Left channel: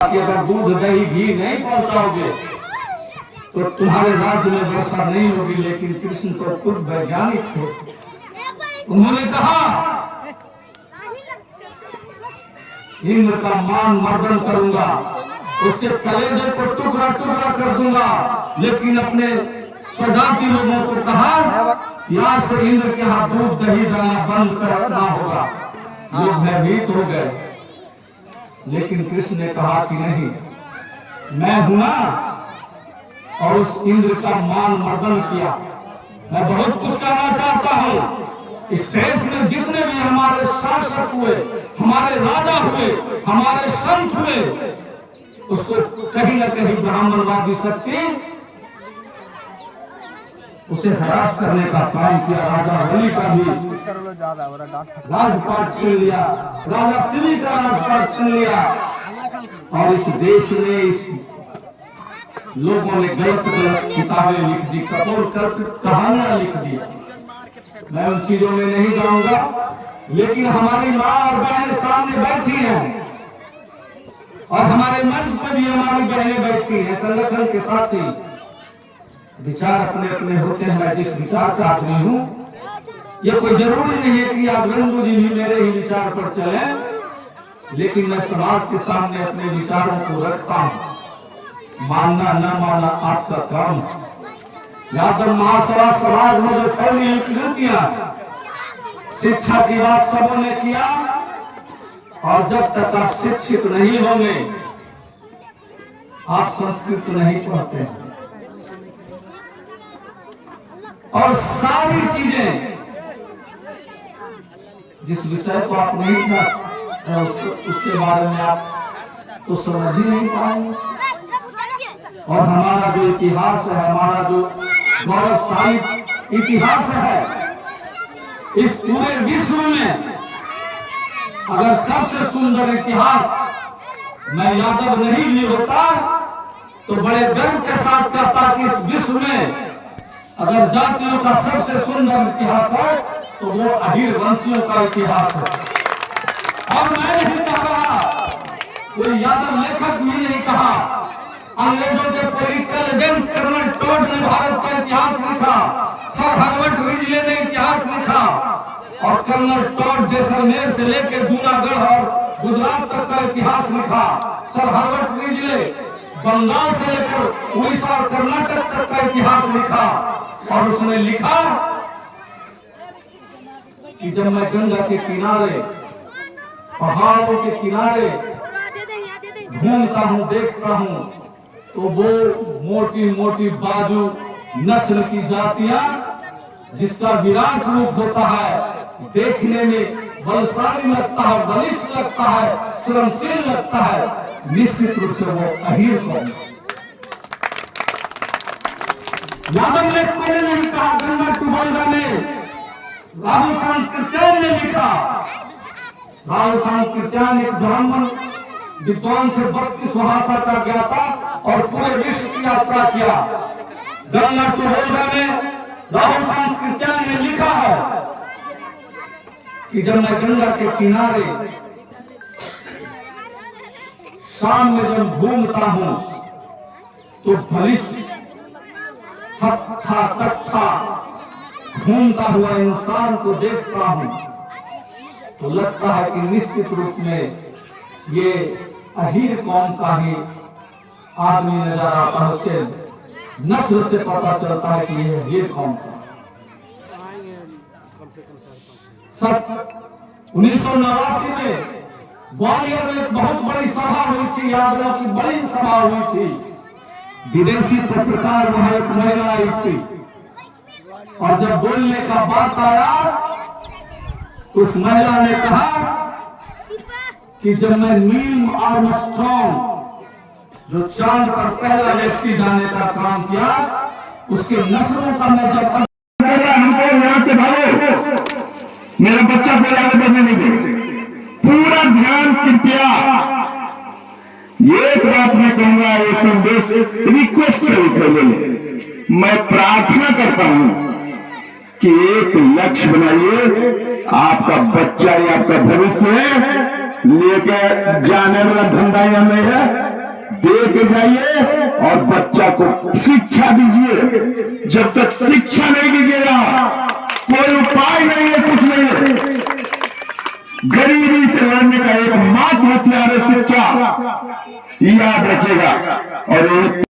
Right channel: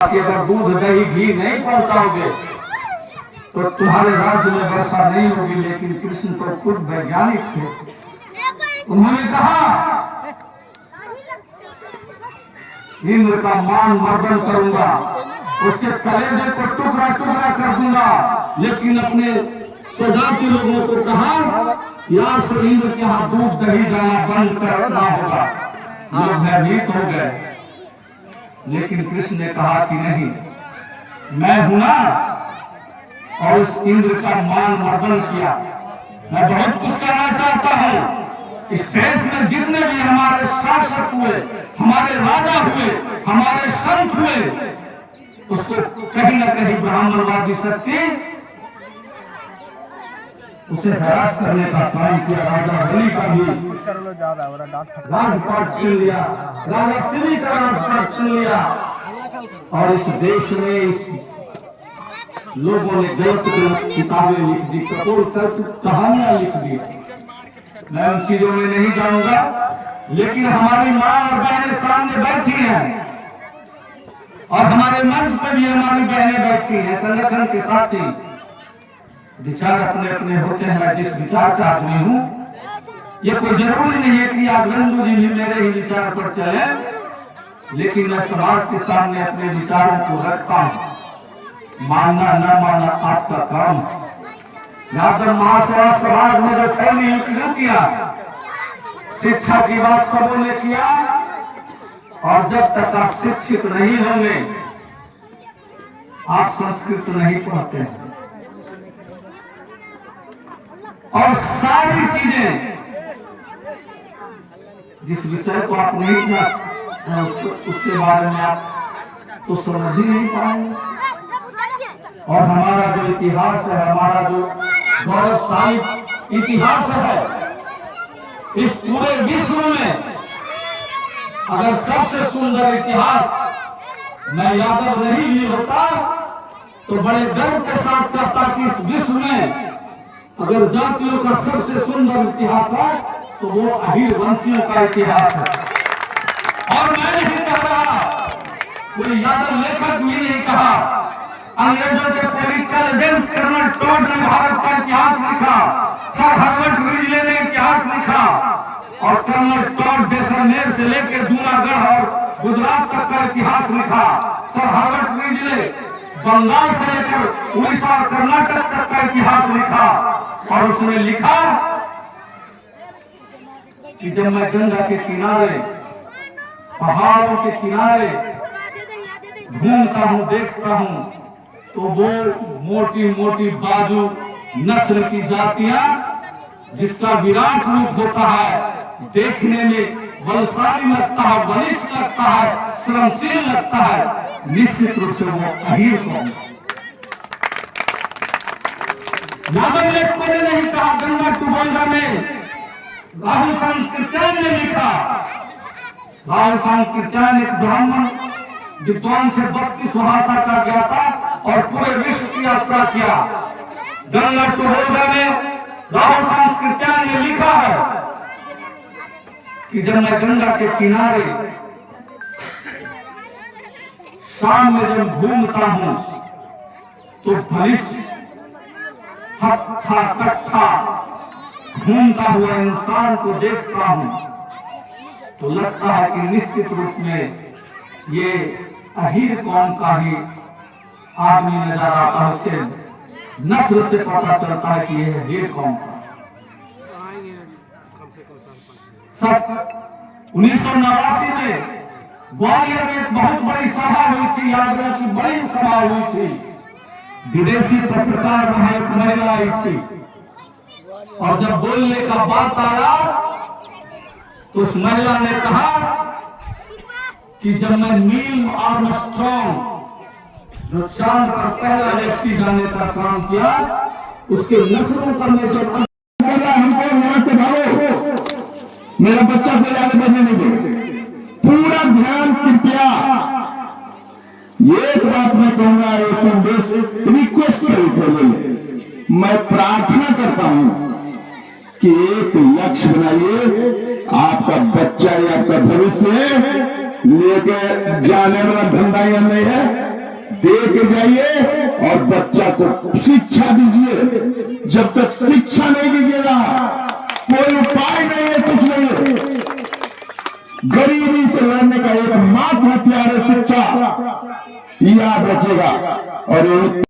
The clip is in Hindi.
कि अगर दूध दही घी नहीं पहुंचाओगे तो तुम्हारे राज्य में वर्षा नहीं होगी। लेकिन कृष्ण तो खुद वैज्ञानिक थे। उन्होंने कहा इंद्र का मान मर्दन करूंगा, उसके कलेजे को टुकड़ा टुकड़ा कर दूंगा। लेकिन अपने स्वजाति लोगों को कहा यहाँ से इंद्र के यहाँ दूध दही देना बंद करना होगा। लोग भयभीत हो गए। लेकिन कृष्ण ने कहा कि नहीं, मैं हूं ना, और उस इंद्र का मान मर्दन किया। मैं बहुत कुछ करना चाहता हूं। इस देश में जितने भी हमारे शासक हुए, हमारे राजा हुए, हमारे संत हुए, उसको कहीं न कहीं ब्राह्मणवादी शक्ति उसे हरास करने का काम किया। राजा बलि का भी राजपाट छीन लिया, राजा शिवी का राजपाट छीन लिया। और इस देश में इस लोगों ने गलत गलत किताबें लिख दी, कपोल कहानियां लिख दी। मैं उन चीजों में नहीं जाऊंगा। लेकिन हमारी माँ और बहनें सामने बैठी हैं, और हमारे मंच पर भी हमारी बहनें बैठी हैं, संगठन के साथी। विचार अपने अपने होते हैं। मैं जिस विचार का आदमी हूँ, ये कोई जरूरी नहीं है कि आप नंदू जी भी मेरे ही विचार पर चले। लेकिन मैं समाज के सामने अपने विचारों को रखता हूँ। मानना न मानना आपका काम। यहाँ पर महासभा समाज में जो फैली शुरू किया, शिक्षा की बात सबों ने किया। और जब तक आप शिक्षित नहीं होंगे, आप संस्कृत नहीं पढ़ते हैं। और सारी चीजें, जिस विषय को आप नहीं था उसके बारे में आप तो समझ ही नहीं पाएंगे। और हमारा जो इतिहास है, हमारा जो गौरवशाली इतिहास है, इस पूरे विश्व में अगर सबसे सुंदर इतिहास मैं यादव नहीं भी होता तो बड़े गर्व के साथ कहता कि इस विश्व में अगर जातियों का सबसे सुंदर इतिहास है तो वो अहीर वंशियों का इतिहास है। और मैं नहीं कह रहा, कोई यादव लेखक भी नहीं कहा। अंग्रेजों के पॉलिटिकल एजेंट कर्नल टॉड ने भारत का इतिहास लिखा, सर हर्बर्ट रिजले ने इतिहास लिखा। और कर्नल टॉड जैसलमेर से लेकर जूनागढ़ और गुजरात तक का इतिहास लिखा। सर हर्बर्ट रिजले बंगाल से लेकर उड़ीसा और कर्नाटक तक का इतिहास लिखा। और उसने लिखा कि जब मैं गंगा के किनारे, पहाड़ों के किनारे घूमता हूँ, देखता हूँ, तो वो मोटी मोटी बाजू नस्ल की जातियां, जिसका विराट रूप होता है, देखने में बलशाली लगता है, बलिष्ठ लगता है, श्रमशील लगता है, निश्चित रूप से वो अहीर कौम। यादव ने नहीं कहा, गंगा टुबंगा में राहुल सांस्कृत्यायन ने लिखा। राहुल सांस्कृत्यायन एक ब्राह्मण विद्वान थे, 32 भाषा का ज्ञाता, और पूरे विश्व की यात्रा किया। गंगा टुबंगा में राहुल सांस्कृत्यायन ने लिखा है कि जब मैं गंगा के किनारे शाम में जब घूमता हूं तो बलिष्ठ हट्ठा कट्ठा घूमता हुआ इंसान को देखता हूं तो लगता है कि निश्चित रूप में ये अहीर कौम का ही आदमी नजर आता है। उसके नस्ल से पता चलता है कि यह अहीर कौम का। 1989 में ग्वालियर में एक बहुत बड़ी सभा हुई थी, यादव की बड़ी सभा हुई थी। विदेशी पत्रकार में एक महिला आई थी, और जब बोलने का बात आया, उस महिला ने कहा कि जब मैं नील आर्मस्ट्रांग, जो चांद पर पहला व्यक्ति जाने का काम किया, उसके नस्लों का मैं जब हमको यहां से भागो, मेरा बच्चा को आगे बढ़ने नहीं दे। पूरा ध्यान कृपया, एक बात मैं कहूंगा, एक संदेश रिक्वेस्ट करिए, मैं प्रार्थना करता हूं कि एक लक्ष्य बनाइए। आपका बच्चा या आपका भविष्य लेकर जाने वाला धंधा या नहीं है। लेके जाइए और बच्चा को शिक्षा दीजिए। जब तक शिक्षा नहीं दीजिएगा कोई उपाय नहीं है, कुछ नहीं है। गरीबी से लड़ने का एकमात्र हथियार है शिक्षा, याद रखिएगा। और